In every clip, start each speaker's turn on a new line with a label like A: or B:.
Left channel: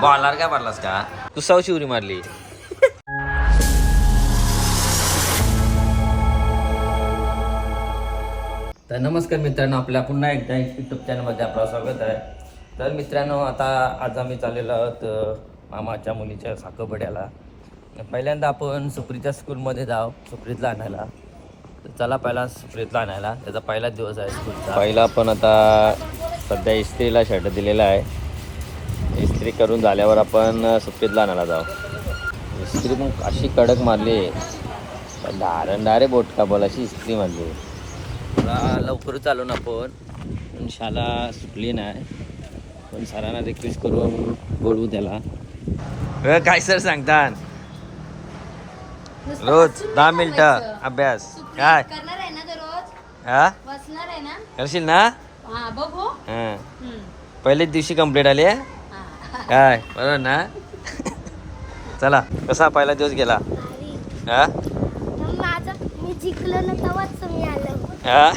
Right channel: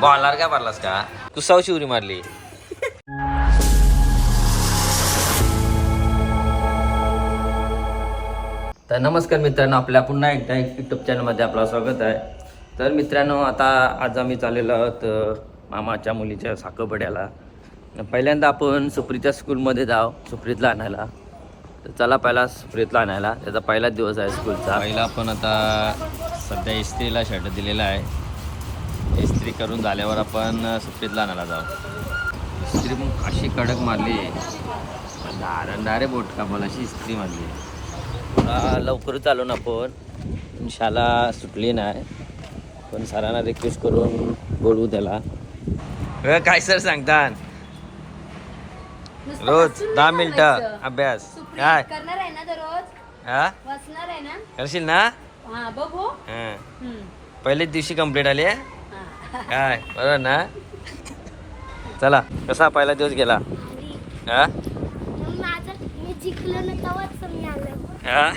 A: Bowler काय मारलास का? तू सौ शिवरी मारली. तर नमस्कार मित्रांनो आपल्या पुन्हा एकदा युट्यूब चॅनलमध्ये आपलं स्वागत आहे. तर मित्रांनो आता आज आम्ही चाललेलो आहोत मामाच्या मुलीच्या साखरपड्याला. तर पहिल्यांदा आपण सुप्रीच्या स्कूलमध्ये जाऊ सुप्रीतला आणायला. तर चला पहिला सुप्रीतला आणायला. त्याचा पहिलाच दिवस आहे स्कूलचा पहिला आपण आता सध्या इस्त्रीला शर्ट दिलेला आहे. इस्त्री करून झाल्यावर आपण सुप्रीतला आणायला जाऊ. इस्त्री मग अशी कडक मारली. धारण डायरे बोट का बोल अशी इस्त्री मारली. थोडा लवकरच आलो ना पण शाळा सुटली नाही. पण सरांना रिक्वेस्ट करून बोलवू त्याला. काय सर सांगतात रोज दहा मिनिटं अभ्यास. काय? हा? करशील ना. पहिलेच दिवशी कंप्लीट आली आहे? काय? बरोबर ना? चला कसा पहिला दिवस गेला? हा?
B: माझं मी जिंकलो ना तेव्हाच मी आलो.
A: हा?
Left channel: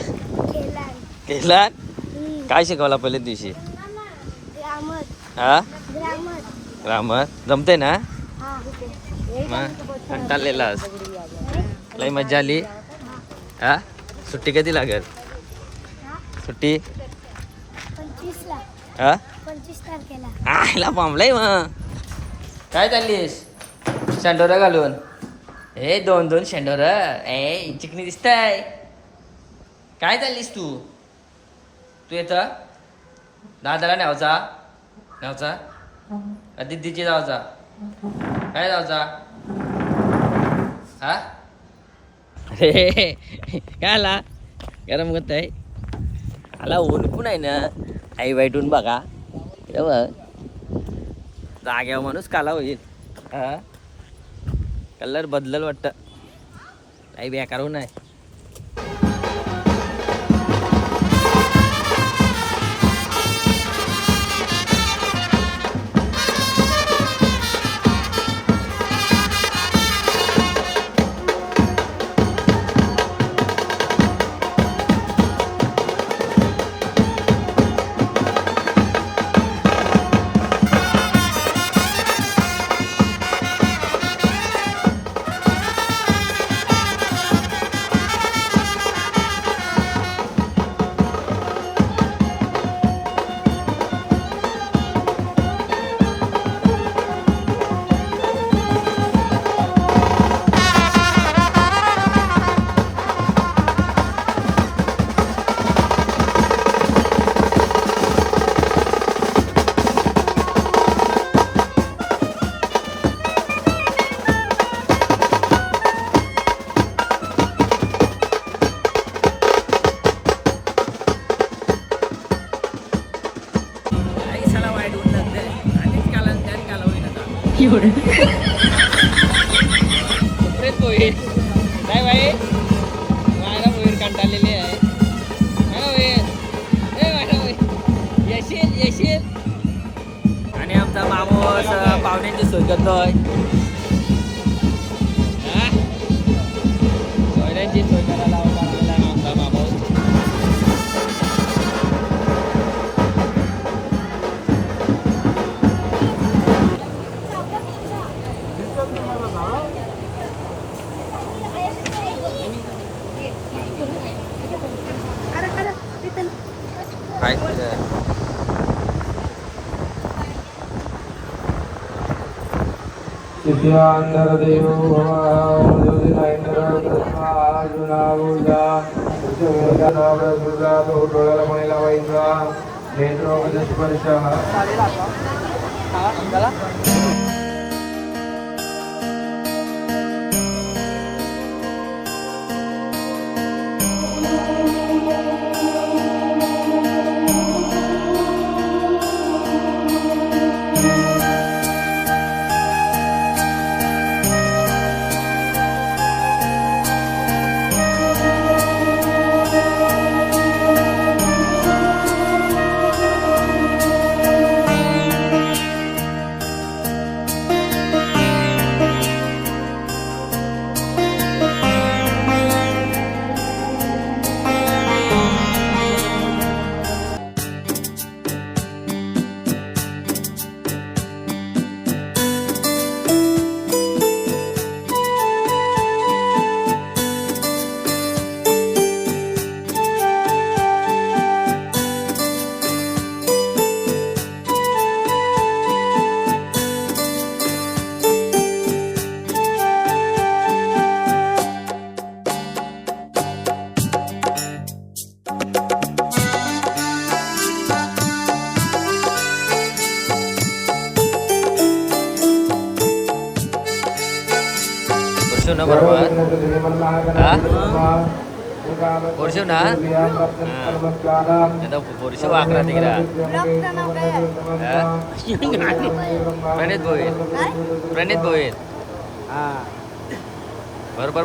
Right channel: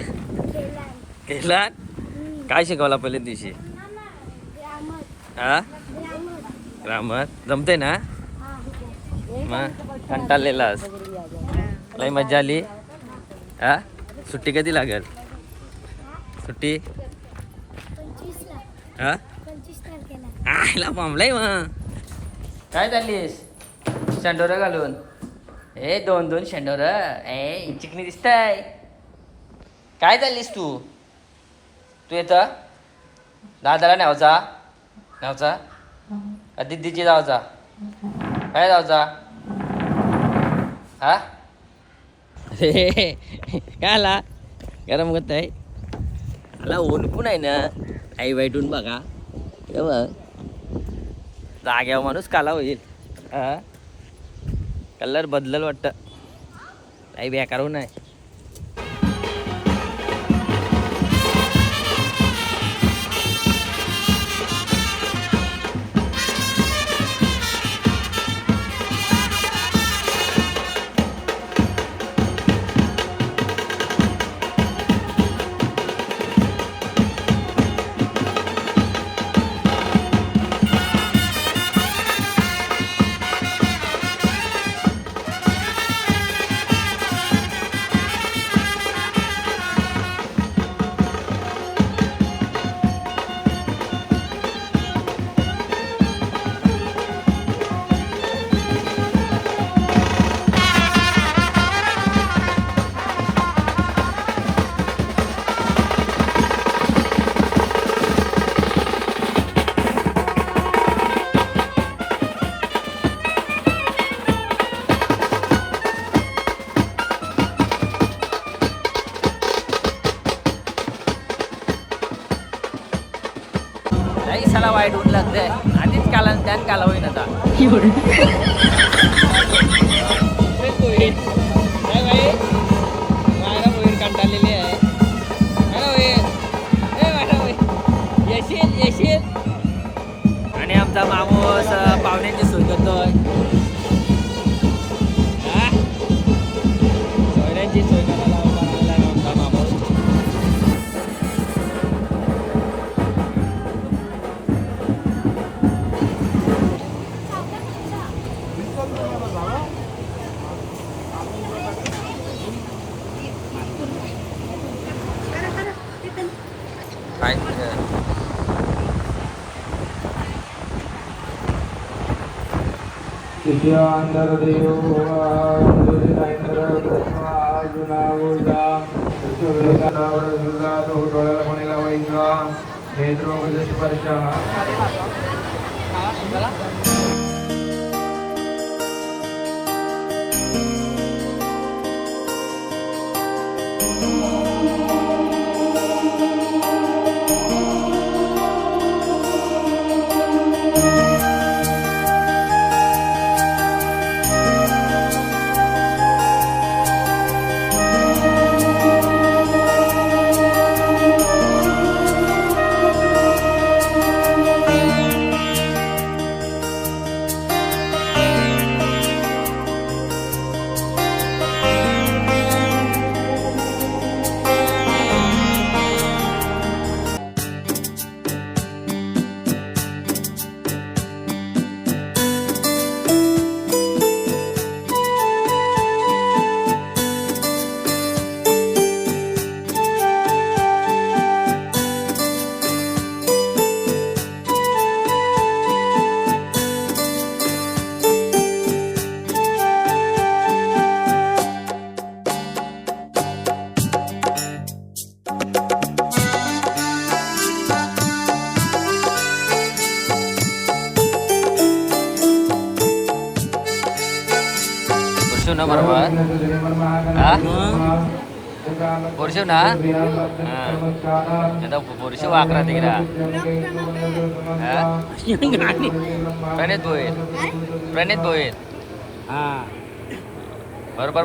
B: केला.
A: केला? काय शिकवला पहिल्या दिवशी?
B: ग्रामर.
A: हा?
B: ग्रामर.
A: ग्रामर? जमते ना?
B: हा
A: मग कंटाळलेलास लई मजा आली. हा? सुट्टी कधी लागेल? सुट्टी? हा? आयला पांबलाय मग. काय चाललीस? शेंडोरा घालून. ए दोन दोन शेंडोर. ए चिकनी दिसताय. काय चाललीस तू? तू येतं? दादाला न्यावचा न्यावचा का दिदीची जावचा काय जावचा हा? अरे काय आला? गरम होत आहे आला ऊन पण आहे ना. आई वाईटून बघा. बघ जाग्यावर माणूस काला होईल. हा. कलर बदलल वाटतं. काही बेकार होऊ नाही तेच होईल काय बाई. मायरा होईल कंटाळलेली आहे. आणि आमचा माणूस अं, पाहुण्यांची सोय करतोय. काय?
C: शिष्यान्तरदेवो भव ज्योतिरायन्द्रजुनावूजा तो डोळ्याला कोणी लावायचा नेत्रोपदेश परिषा
A: ना बरोबर हा पोरशिव ना आता पोरशिव अकरा तिकडा
B: ब्लॉगचं नाव काय आहे?
A: हा प्रणित भोईत
B: काय
A: प्रणित भोईत बरोबर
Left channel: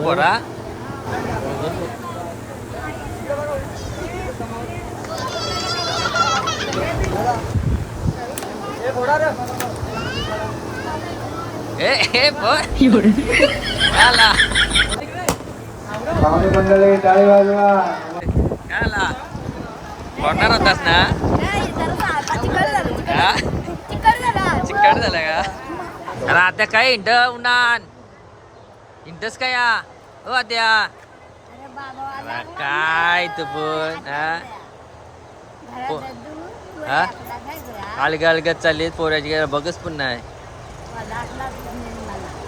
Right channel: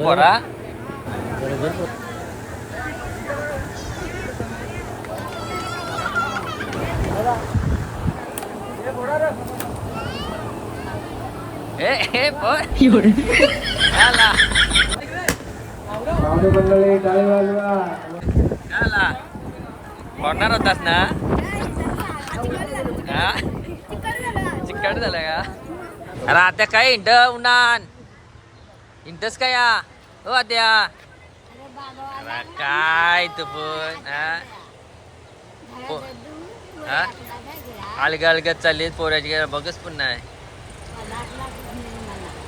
A: पडणार होतास ना? हा? चिकट झालं का? अरे आता काय इंट उन्हान? इंटस काय या? हो आत्या अरे काय तू पण हा? हा? अलग अलगत चालली पोराची बघच पण नाही.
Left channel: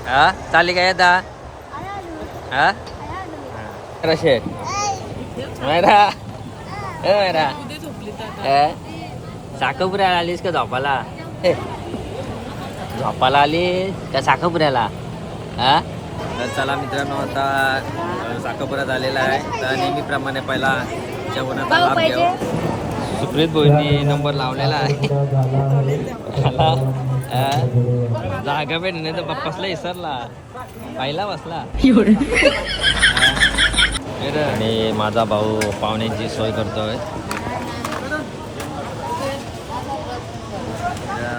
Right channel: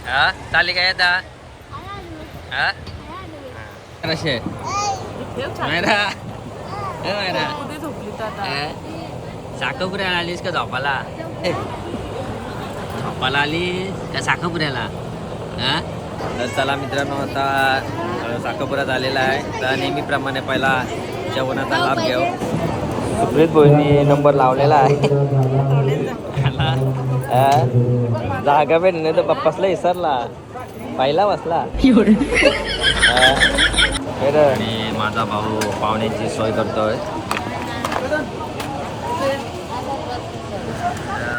A: हा? चालेल काय आता हा? कसे मैरा ए साखरपुऱ्याला आलीस का झोपाला झोपाला आलीस का साखरपुऱ्याला हा? तर चला मित्रांनो आता अ, झालेला आलेला आहे. तर नेहमीप्रमाणे पहिला जेवणाचा लाभ घेऊ. सुप्रीत बोईनी नंबर लावलेला आहे. जागा भेट नाही तर बप्पासला विसरला. पहिला बसला. बरं आणि माझा भाऊ पाहुण्याची सोय करतोय.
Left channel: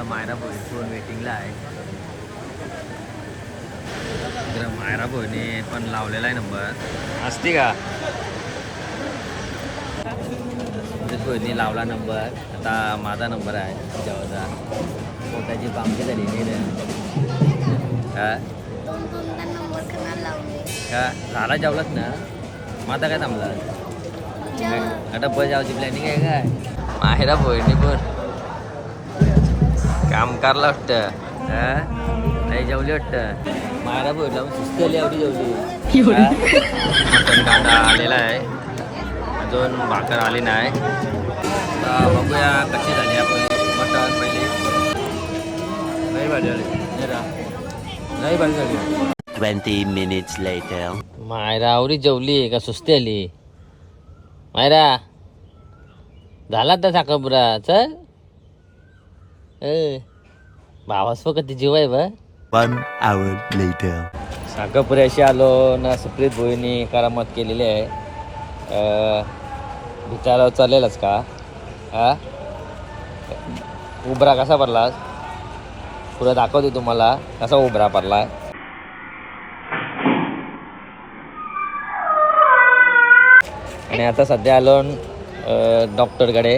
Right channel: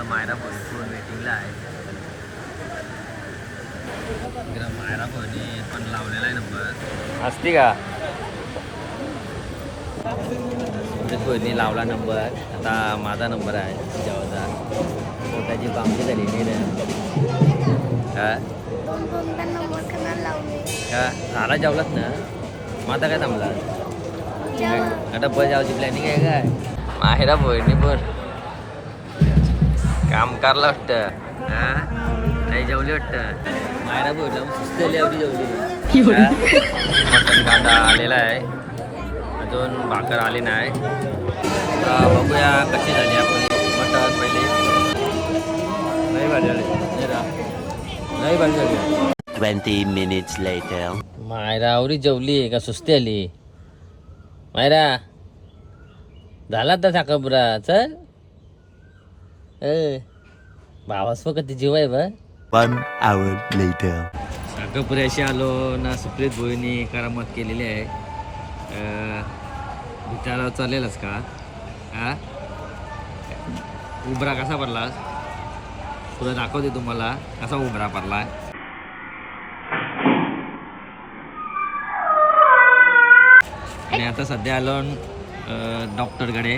A: मायरा फोन वेटिंगला आहे? मायरा फोने पण लावलेला आहे नंबर असते का? फोनने लावला नंबर आता माझा नंबर आहे जेव्हाचा पोटाची पामची झाली नाही रे हा?
B: दोन दोनदा नंबर कनाला लावले.
A: का झाला जेवलाच ना? मग आता काय थांबला? आता बस जावची प्लॅनिंग आहे काय? माहेरा बहिणी पण काम करला वाटतं हा? नाही जेवली वाटतं? मायरा बोल लावून सुस्तली एवढी? जेवली? मटण कांदा आलेला आहे. अजून भाकर आली नाही. आता बघूया कशी झाली आपली मटण पहिली. नाही भाजी झाली नाही रा. नाही भाजी झाली.
D: 20 minutes later.
A: मायरा आवरी जेवली का? सुस्ती आली मायरा झाला तर साखरपुरा चल. ए भावास कधी जीव आहे बा.
D: One hour later.
A: साखरपुऱ्याशी आलो ना सुप्रीत भोईनी करामत केलेली आहे. विचारावं चालेलच का? हा उबरा कसा भरलास पुढं दाखवते तुम्हाला कसा उबरा भरला आणि आता सध्या आलो डॉक्टरकडे.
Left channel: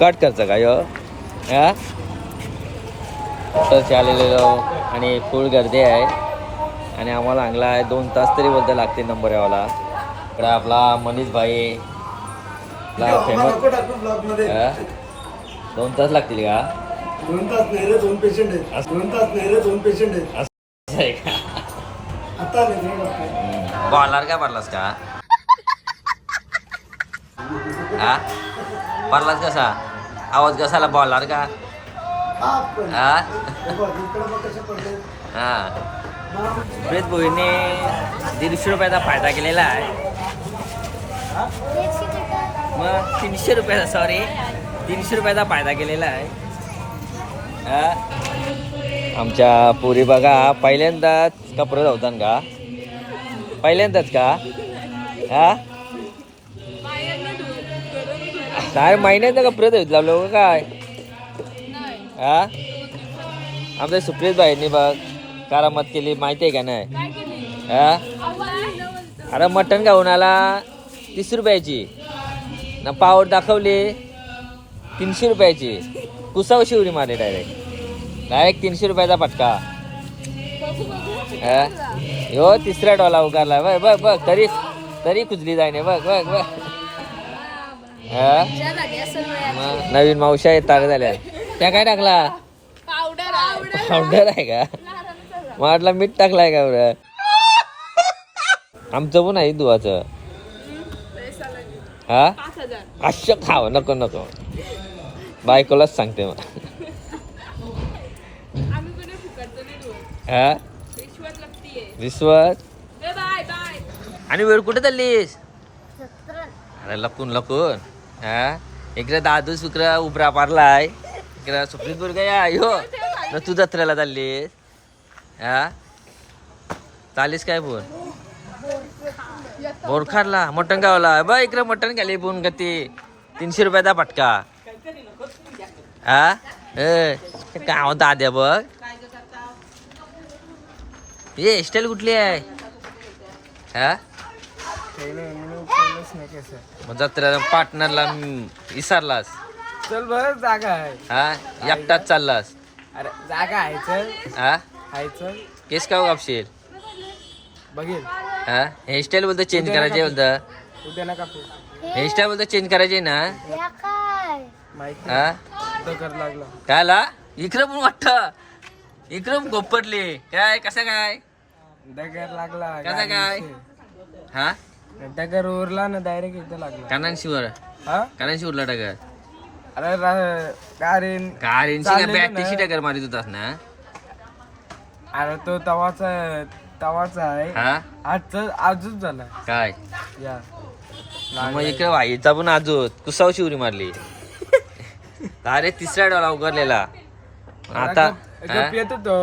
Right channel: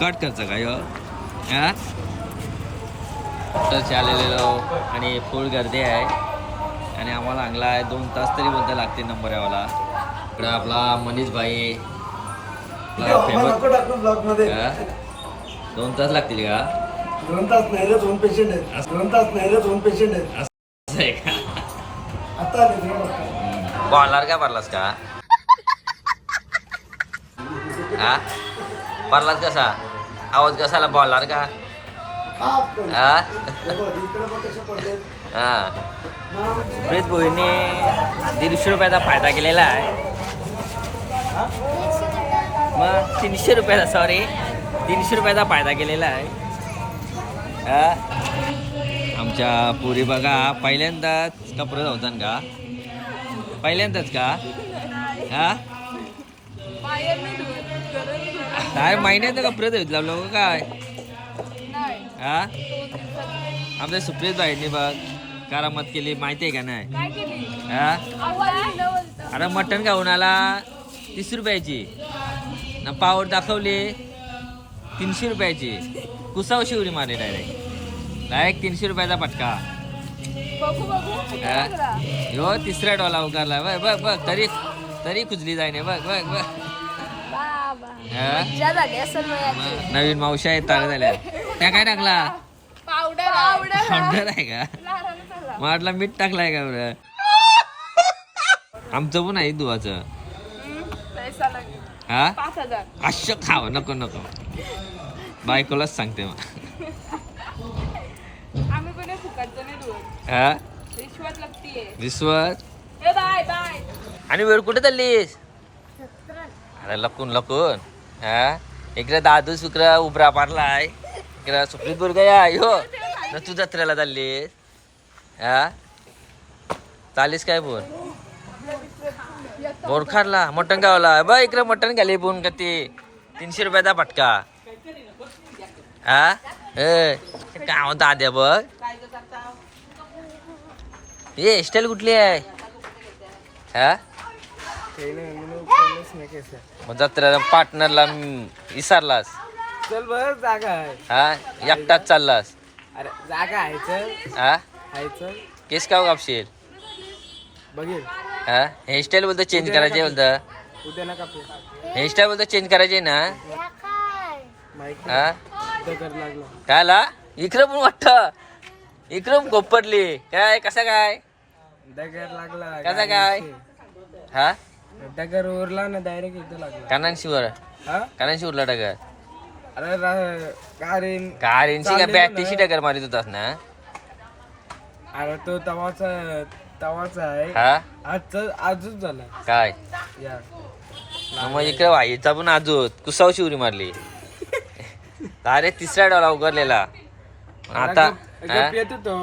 A: कट करचं का यो? हा डॉक्टरचे आलेलो आणि फुल गर्दी आहे. आणि आम्हाला चांगला आहे दोन तास तरी बोलता लागते नंबर यावाला. इकडं आपला मनीष भाई. आपला फेमस दोन तास लागतील का?
E: दोन तास नाही रे दोन पेशंट आहेत. दोन तास नाही रे दोन पेशंट आहेत.
A: असं आहे का?
E: आता आले तुम्ही बघा.
A: बॉलर का भरलास का? हा? भरलास कसा? आवाज कसाला बॉलर का?
E: हा, पण.
A: हा?
E: हे बघ, इकडं बघ कशा पडलेत.
A: हा. प्रीत भोईने दीडशे रुपयाचा फायदा केलेला आहे. मग तीनशे रुपयाचा सॉरी तीनशे रुपयाचा फायदा केलेला आहे? आमच्या पुरी बघा पहिल्यांदाच कपडे धावतात का? पहिल्यांदाच का? हा? नाही महिन्यांदा कपडे धावत लावलो हो का काय? हा? आमच्या सुप्रित बाईंनी बघ करामत केली माहिती आहे का नाही? हा? अरे मटण खाऊन आला तीस रुपयाची. ना पावर दाखवली तीनशे रुपयाची. कुसाव शिवडी मारली डायरेक्ट डायरेक्ट तीनशे रुपयाचा पटका हा? तिसरा डॉला उगारला. बघ बघ बघ तरी तरी कुजली जायने बघ बघ बघ. हा? नवीन मावशा येतात झाल्या त्या काय टाकला? पावडर आहे. का? वाटलं मीठ टाकलाय का बरं आमचं पण आहे दुवाचं. हा? अश्य खाव नको नको. बायकोलाच सांगते मग. हा? विश्वास आणि वेळ कुठे चाललीस?
B: सतरा.
A: अरे लपून लपून. हा? इकडे दादू शुक्र उभरा पारलाय इकडे सुप्रीत बुरगा या हो न तू जत्रेला चाललीस? हा? चालीस काय फोन बोरखारला मटण गावला बघ इकडे मटण घाली फोन का ते तीनशे रुपयाचा फटका. हा ए गाव दाद्या बघ हे हेअरस्टाईल कुठली आहे हा मग जत्रा पार्टनरला विसरलास
E: चल बर जागा आहे
A: हा एकटाच चाललास
E: अरे जागा आहे चल
A: हा
E: आहे चल
A: केस का कापशील
E: बघेल
A: हा हेअरस्टाईल बोलतो चेंज करायचे बोलतं
E: उद्या
A: हेअरस्टाईल बोलतो चेंज करायचे ना
B: या काय
E: माहिती
A: हा
E: दगड लागला.
A: काय आला इकडं पण वाटत. इकडं गोपटली काय कसं काय?
E: दगड लागला
A: कसा काय? हा?
E: दगड उरला ना डायरेक्ट इथं लागला.
A: कानांशीवर.
E: हा?
A: कानांशी उरला टकर
E: अरे रा- का रे
A: कार इंची का बॅटीशी
E: ना.
A: टकर मारित होतास ना?
E: अरे तो तवाचा तवाचा आहे.
A: हा?
E: आजच आजच झाला.
A: काय?
E: या.
A: मग इकडे वाईचा पण आजूत. कुसाव शिवरी मारली. अरे तिसरा डॉला उघडलेला. आता हा?
E: गप येतो तो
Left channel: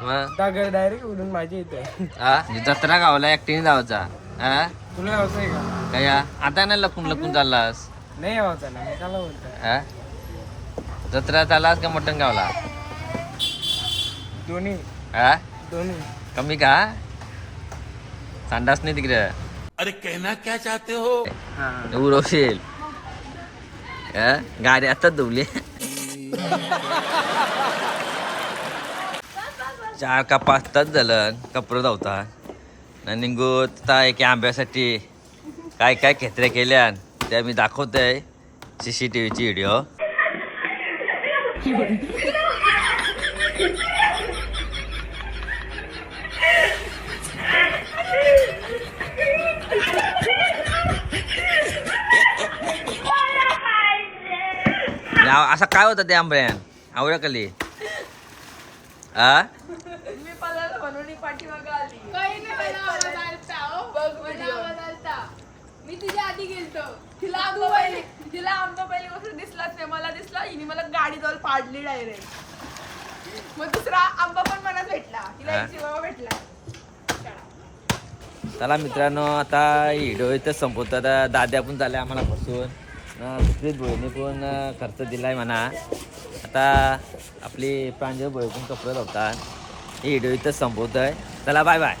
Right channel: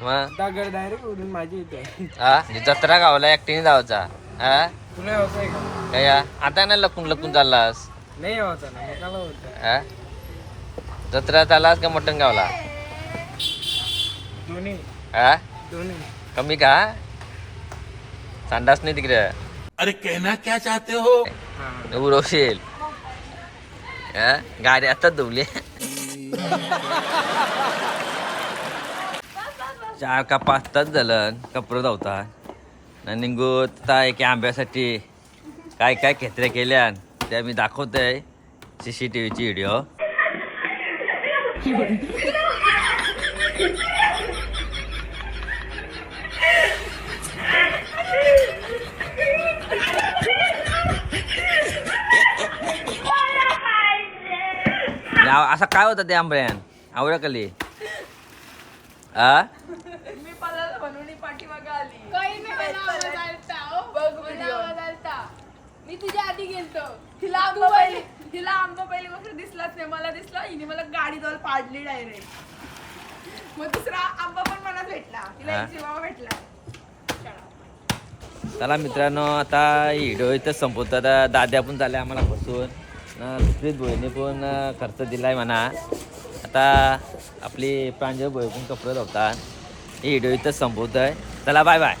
A: मग?
E: दगड डायरेक्ट उडून माझ्या इथे.
A: हा? जत्रा गावला एकटीने जायचा. हा?
E: तुला यावचं आहे का?
A: काय हा? आता ना लपून लपून चाललास?
E: नाही यावचा ना मग काला होतं
A: हा? जत्रा चाललास का मटण गावला?
E: दोन्ही.
A: हा?
E: दोन्ही.
A: कमी का? संडास नाही तिकडे.
E: हा?
A: उरवशील हा? गाडी आता धुवली चार का पाच तास झालं कपडे धावता आणि निघूत एक आंब्यासाठी काय काय खेत्रे केल्या त्या मी दाखवतोय सी सी टी व्हीची व्हिडिओ असं काय होतं ते आंब्यान? आवडा कली आ?
F: मी तुझ्या आधी गेलतो. तिला आंबा पहिली तिला आंबा पहिली गोष्ट दिसलाच नाही. मला दिसला हिने मला गाडी जवळ पाडली डायरेक्ट. मग दुसरा आंबा पण मला भेटला. तिला
A: हा.
F: एक शिवावा भेटला.
A: चला. मित्रांनो आता व्हिडिओ इथं संपवतो. आता दाद्या पण झाल्या आम्हाला फसून न सुप्रीत भोईने पण खर्च दिला आहे म्हणा. आता आपली प्रांजळ भोई पण कपडे लावतात हे व्हिडिओ इथं संपवतोय. चला बाय बाय